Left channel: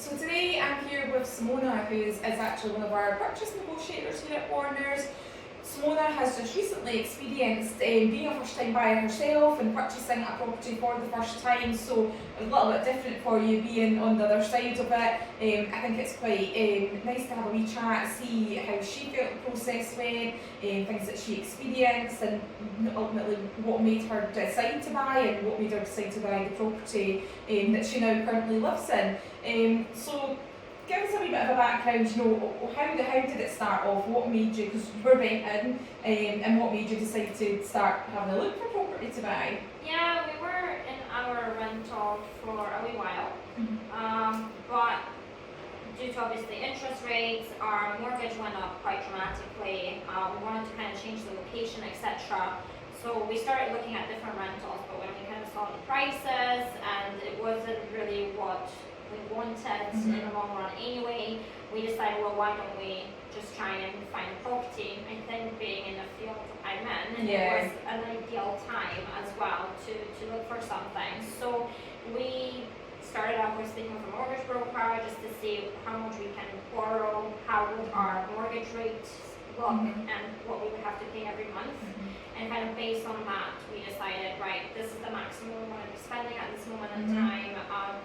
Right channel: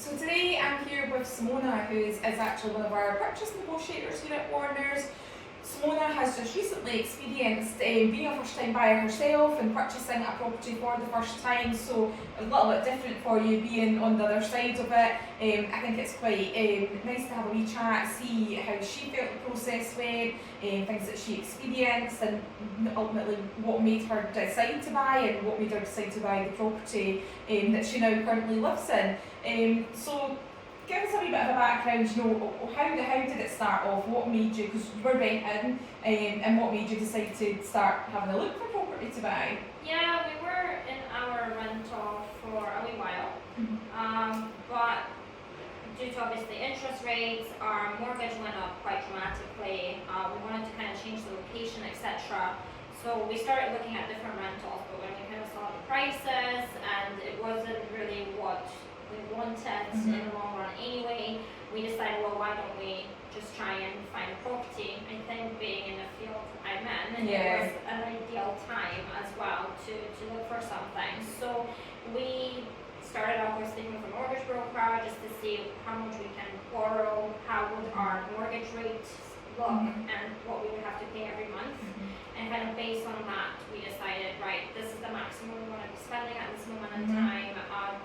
So today I'm here with Simona, who is actually one of our purchase negotiators here at Warner's. Simona has just recently experienced being a first-time buyer herself and purchasing a property for the first time, so a little bit different for you being on the other side of it. I think it's quite nice to have a wee chat, see how she felt the process went, things that she experienced, and ultimately what made her decide to buy and what made her decide to buy the property that she now currently lives in. So give us a wee bit of a background, how did it start off? What made you, because you were renting, and what made you decide to start having a look for property to buy? Yeah, we were in our rental for a wee while, but due to obviously interest rates, our mortgage went up quite dramatically. We wanted to kind of change the location, etc. So we started looking at different rentals, but when we kind of saw the prices and it wasn't really what we wanted in the long run anyway, we decided, well, why don't we just try and find a property? I think being in the field I'm in, it was an ideal time as well to look for something. So we started off with speaking with a mortgage broker just to see how much we can borrow, how would our mortgage rate look, and what we would have to pay every month. And kind of based on that, we decided, right, this is the maximum we want to be spending at this moment in time,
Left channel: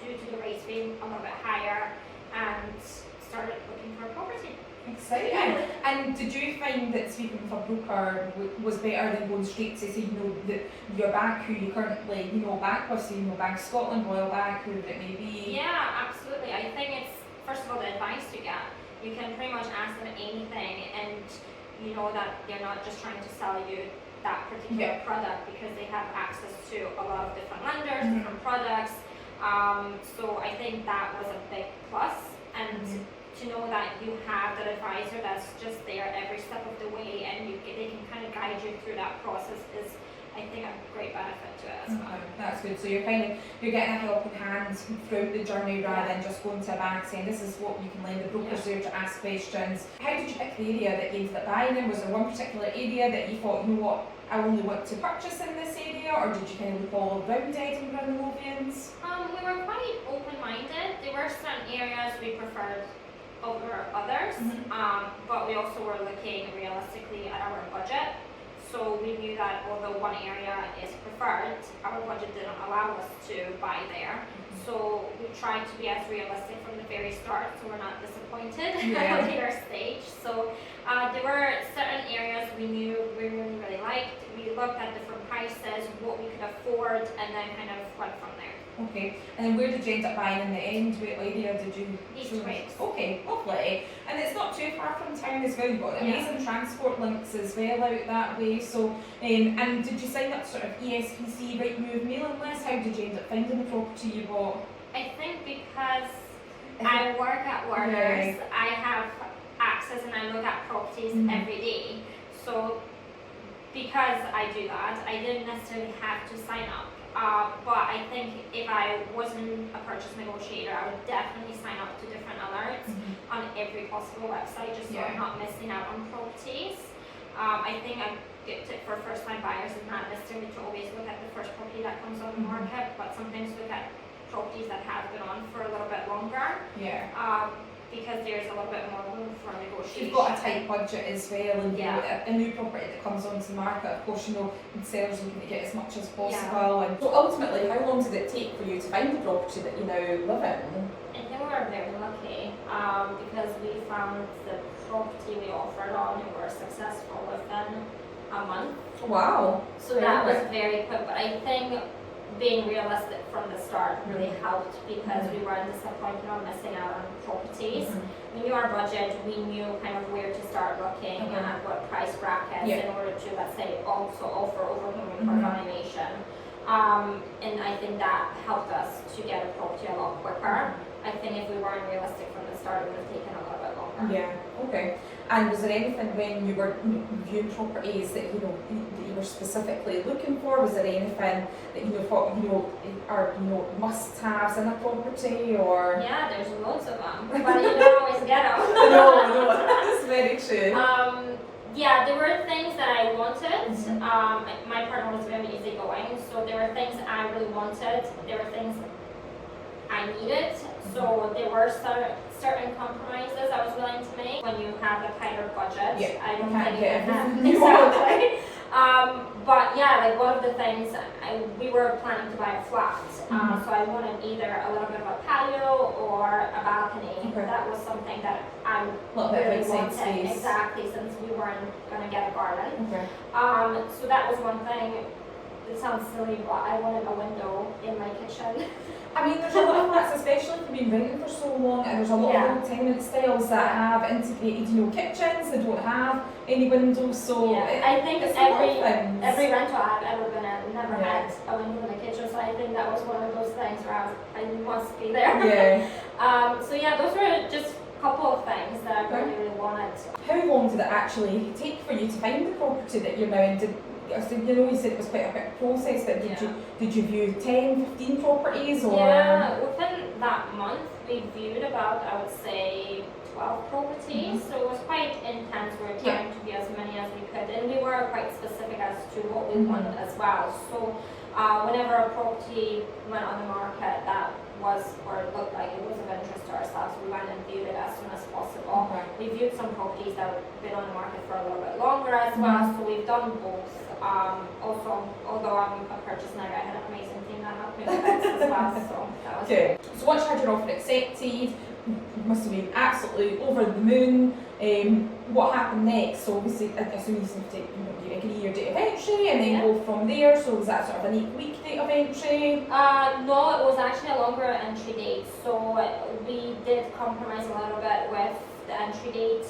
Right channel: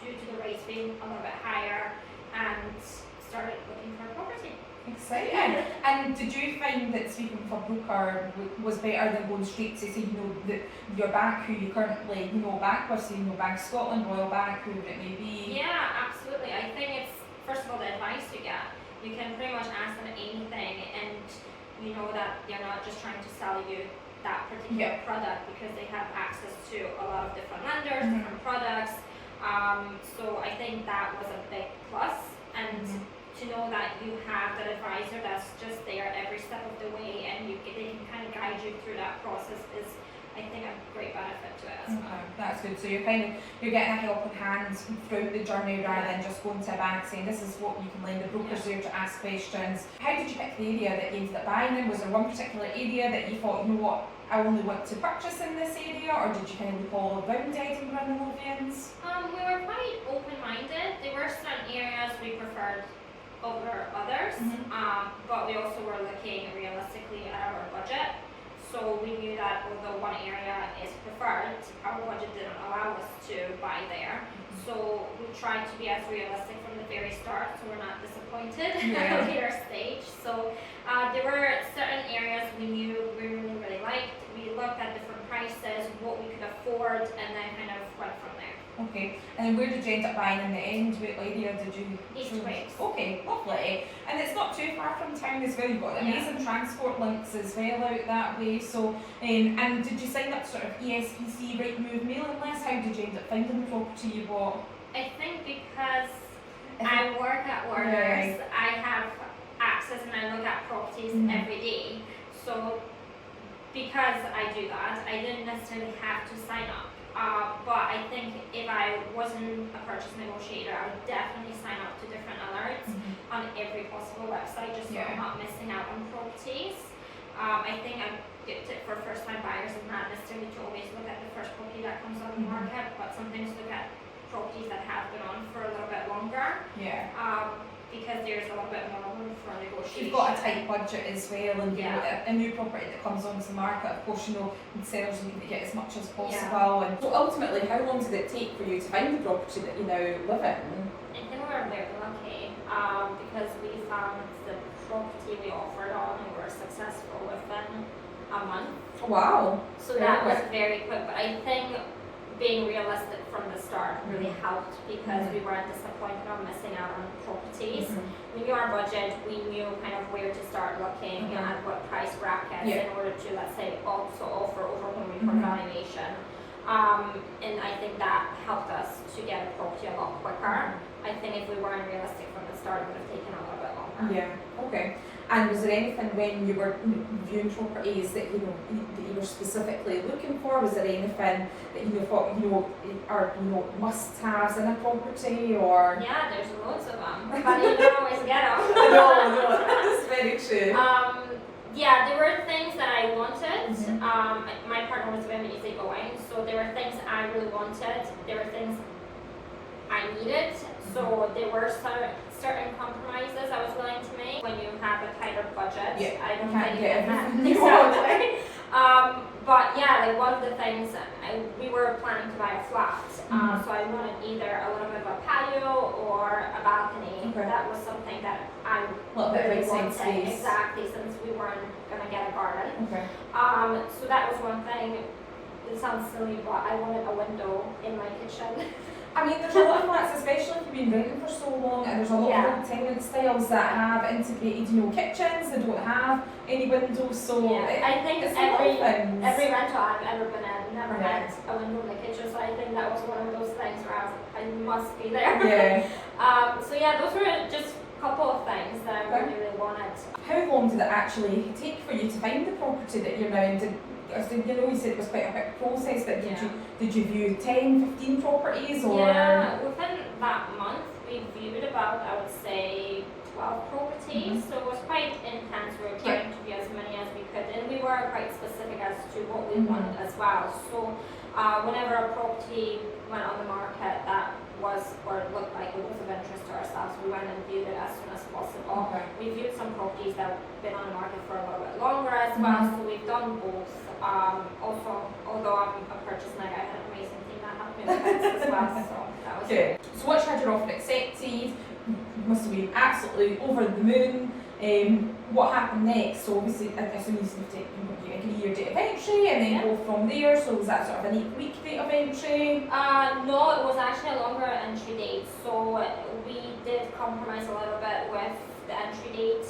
due to the rates being a little bit higher, and started looking for a property. Exciting. And did you find that speaking with a broker was better than going straight to say, that your bank, who you currently, bank with, so, Bank of Scotland, Royal Bank, whoever it may be? Yeah, absolutely. I think it's, first of all, the advice you get. You can pretty much ask them anything, and you know that they're not just trying to sell you that particular product, because they have access to a lot of different lenders, different products. So I think that was a big plus, and to know that you have that advisor that's just there every step of the way, and they can kind of guide you through that process is, I think, a great benefit to it as well. That's good. So you're getting a helping hand throughout the journey rather than just going to a bank saying this is what you can lend. The broker's there to ask questions. How did you pick the area that you ended up buying in? Was there one particular area that you thought, I only want to purchase in this area, or did you kind of look all around Edinburgh and the Lothians? We were quite open-minded. There were certain areas we preferred over others, but we also were looking realistically at our budget. So we knew that although one area is preferred, our budget didn't allow us to buy there. So we tried to be as realistic from the very start, so we're not disappointed at a later stage. So there were certain areas we knew we really liked. We looked at different prices, what we could afford, and then kind of went from there. Okay, and then where did you end up buying in the end? What area did you choose? Okay, lovely. And it's not too far from town as well. You've got amazing transport links as well out that way. So, and did you sign up to sort of ESPC, Rightmove mailing list? How did you end up finding the property you bought? I think because I work at Warner's, I have access and I look at properties every day. So because I do that, I didn't necessarily have to sign up. But I think if I wasn't a purchase negotiator, I would definitely sign up to different alerts on every possible website, just so I'm not missing out on properties. I think a good tip for first-time buyers is not necessarily to always look at the first property that comes on the market, but sometimes look at properties that have been on for a little bit longer. Because there's a little bit more room for negotiation. You've got a tight budget as well, and a new property that comes onto the market, of course, sellers looking to get as much as possible. And so ultimately, how long did it take for you to find the property that you now live in? I think we were very lucky because we found the property we offered on and were successful within a month. Wow. So that was very quick, but I think being realistic from the start really helped, because we weren't disappointed on missing out on properties. We knew our budget, we knew kind of where to start looking and what price brackets in order to, let's say, also offer overwhelming valuation. And I think that helped us to get a property a lot quicker. I think if we weren't realistic from the start, it would have taken a little bit longer. Okay. And was there anything when you were viewing properties that you were specifically looking for? Was there anything that you thought are must-haves in a property, or? Yeah, there's loads of them, but you don't always get them. No, that's very true. Yeah, there were things that I wanted. My partner was very easygoing, so there were things I really wanted. There were things I needed. So there were certain compromises I was willing to make. When you have a tighter budget, Yeah, I don't can't think get you can everything you want. exactly. But yeah, like one of the things, we were planning to buy a flat, so I wanted either a little bit of a patio or a balcony. Okay. That was something that I Little bit of really outside wanted. space. Exactly, since we weren't gonna get a garden. Okay. So that was one thing. It sounds silly, but I wanted a window in my kitchen. I mean, there's a lot of flats, especially if you've been renting for so long, and there's a lot Yeah. of old tenant styles that have integrated, kitchens. They don't have any windows, so I think it's a lot of things. every rental I've ever been in never Yeah. had a window in the kitchen, so I think that was one of those things where I must be there. Yeah. So yeah, those were just a couple of things that I really wanted. How long did it actually take for you to find the property that you're now in? You said it was quite a quick process, but did you view 10, 15 properties or? Yeah, within that month we viewed about, I would say, 12 properties. So it was quite intense. We were trying to view as many as we could, and we were quite specific as to what we wanted as well. So whenever a property went on the market that was, or it looked like it was of interest to ourselves, we went and viewed it as soon as possible. Okay. We viewed some properties that have been on the market for a little bit longer as well, so we've done both. Also, although I'm a purchase neg, I had an amazing team that helped me with this as well, so that was Good. So once you had your offer accepted, you must have been absolutely over the moon. What happened next? So obviously, I assume you agree your date of entry and then go from there. So was that sort of an 8-week date of entry? No, it was actually a longer entry date. So we did compromise a little bit with the entry date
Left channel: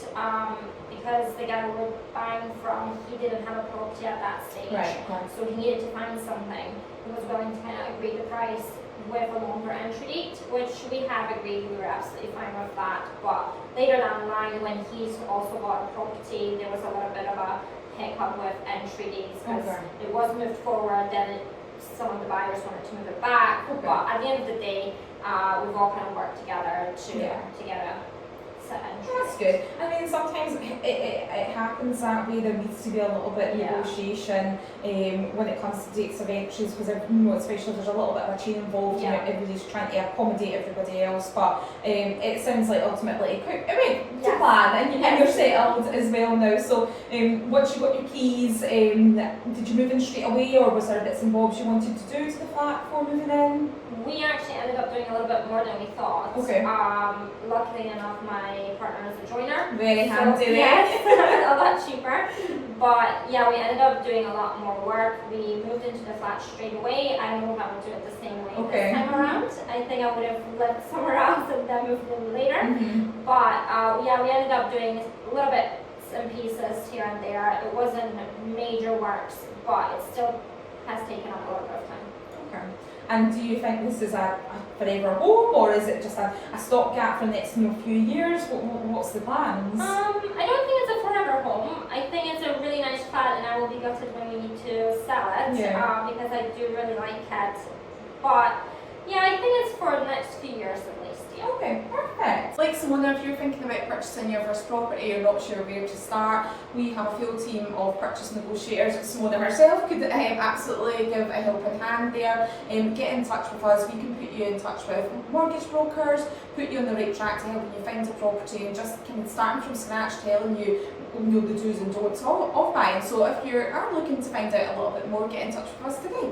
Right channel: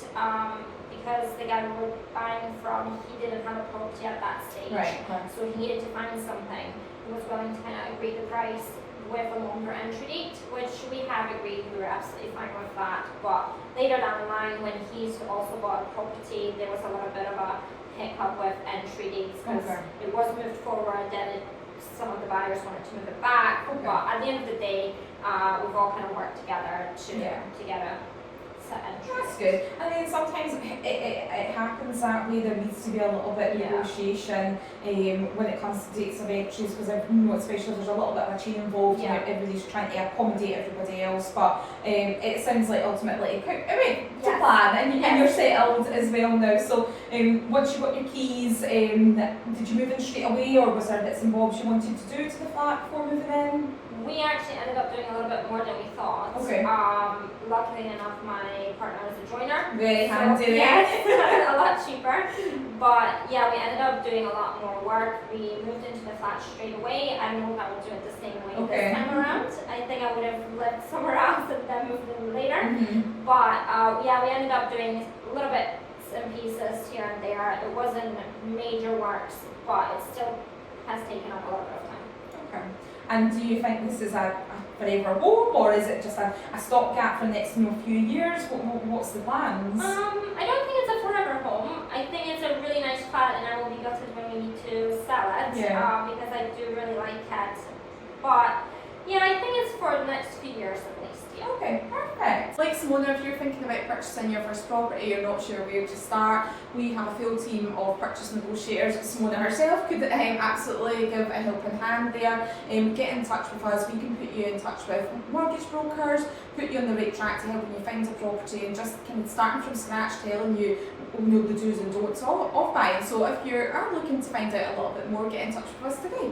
because the guy we were buying from, he didn't have a property at that stage. Right. So he needed to find something. He was willing to kind of agree the price with a longer entry date, which we have agreed. We were absolutely fine with that. But later down the line, when he's also bought a property, there was a little bit of a hiccup with entry dates because it was moved forward, then some of the buyers wanted to move it back. But at the end of the day, we've all kind of worked together to get a set entry. That's good. And then sometimes it happens that way. There needs to be a little bit of negotiation when it comes to dates of entries, because especially if there's a little bit of a chain involved, everybody's trying to accommodate everybody else. But it sounds like ultimately it went to plan, and you're settled as well now. So once you got your keys, did you move in straight away, or was there bits and bobs you wanted to do to the flat before moving in? We actually ended up doing a little bit more than we thought. Okay. Luckily enough, my partner is a joiner. Very handy there. Yes, a lot cheaper. But yeah, we ended up doing a lot more work. We moved into the flat straight away. I know that we'll do it the same way this time around. I think I would have lived somewhere else and then moved in later. But yeah, we ended up doing a little bit and pieces here and there. It wasn't major works, but it still has taken up a little bit of time. Okay. And do you think this is a forever home, or is it just a stopgap for the next few years? What's the plans? I don't think it's a forever home. I think it's a really nice flat, and I will be gutted when we need to sell it because I do really like it. But yeah, I think it's for the next few years at least. Yeah. Okay, perfect. Like Simona, if you're thinking about purchasing your first property, you're not sure where to start, we have a full team of purchase negotiators. Simona herself could absolutely give a helping hand there. Get in touch with us. We can put you in touch with mortgage brokers, put you on the right track to helping you find a property, and just kind of starting from scratch, telling you the do's and don'ts of buying. So if you are looking to find out a little bit more, get in touch with us today.